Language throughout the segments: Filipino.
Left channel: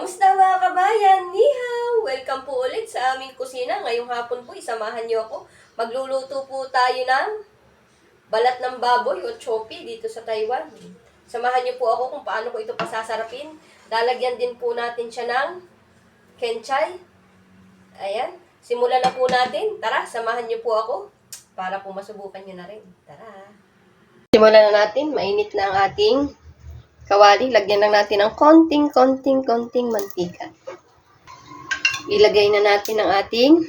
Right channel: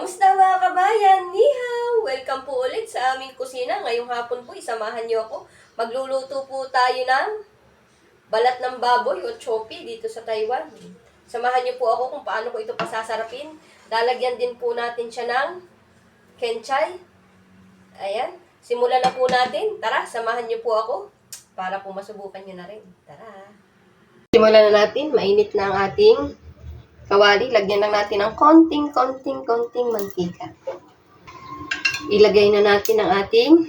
Kamusta mga kabayan? Ni hao! Welcome po ulit sa aming kusina. Ngayong hapon po, isamahan niyo ako. Magluluto po tayo ng balat ng baboy o chopi dito sa Taiwan. Samahan niyo po ako kung paano ko ito pasasarapin. Lalagyan din po natin siya ng kenchay. Ayan. Simulan na po natin. Tara, samahan niyo po ako para po masubukan niyo na rin. Tara! Simulan na natin. Mainit na ang ating kawali. Lagyan lang natin ng konting mantika. Ilagay na natin ang ating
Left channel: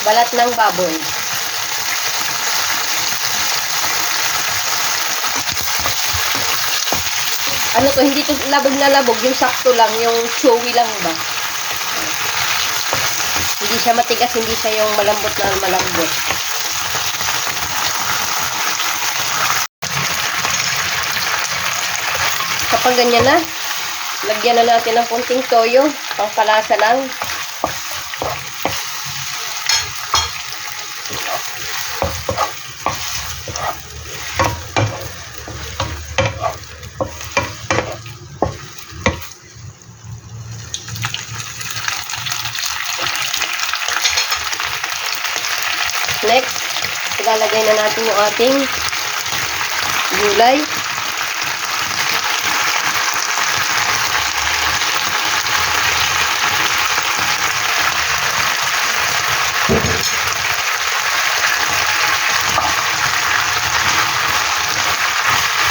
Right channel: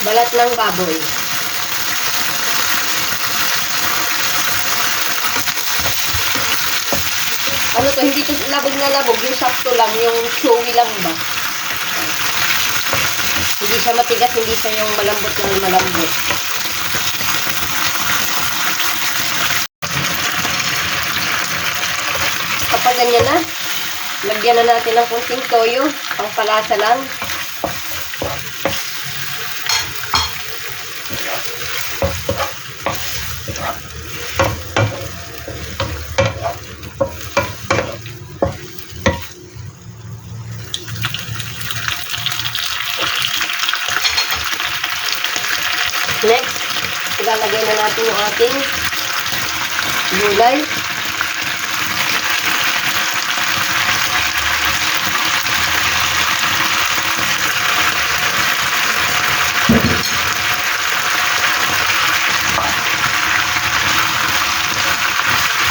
balat ng baboy. Ano to, hindi to labog na labog, yung sakto lang, yung chewy lang ba. Hindi siya matigas, hindi siya yung malambot na malambot. Kapag ganyan na, lagyan na natin ng kunting toyo, pangpalasa lang. Next, ilalagay na natin yung ating gulay.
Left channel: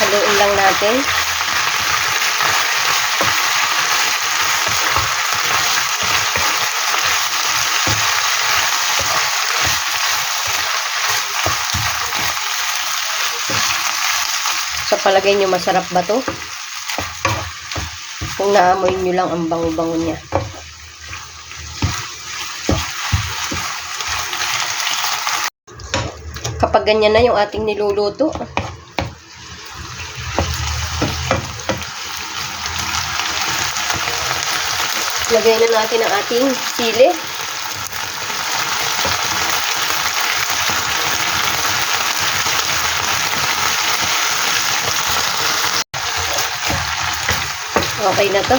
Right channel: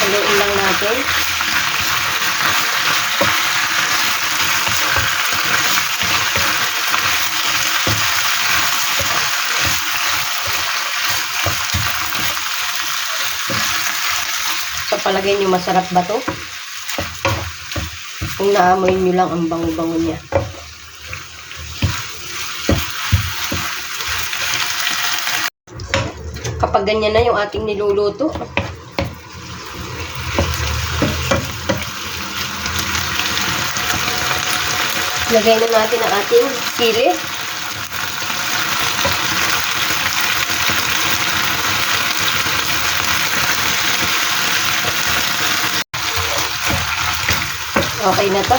Haluin lang natin. Sa palagay nyo, masarap ba to? Kung naamoy nyo lang ang bango-bango niya. Kapag ganyan na yung ating niluluto, lagay na natin ang ating sili. Okay na to.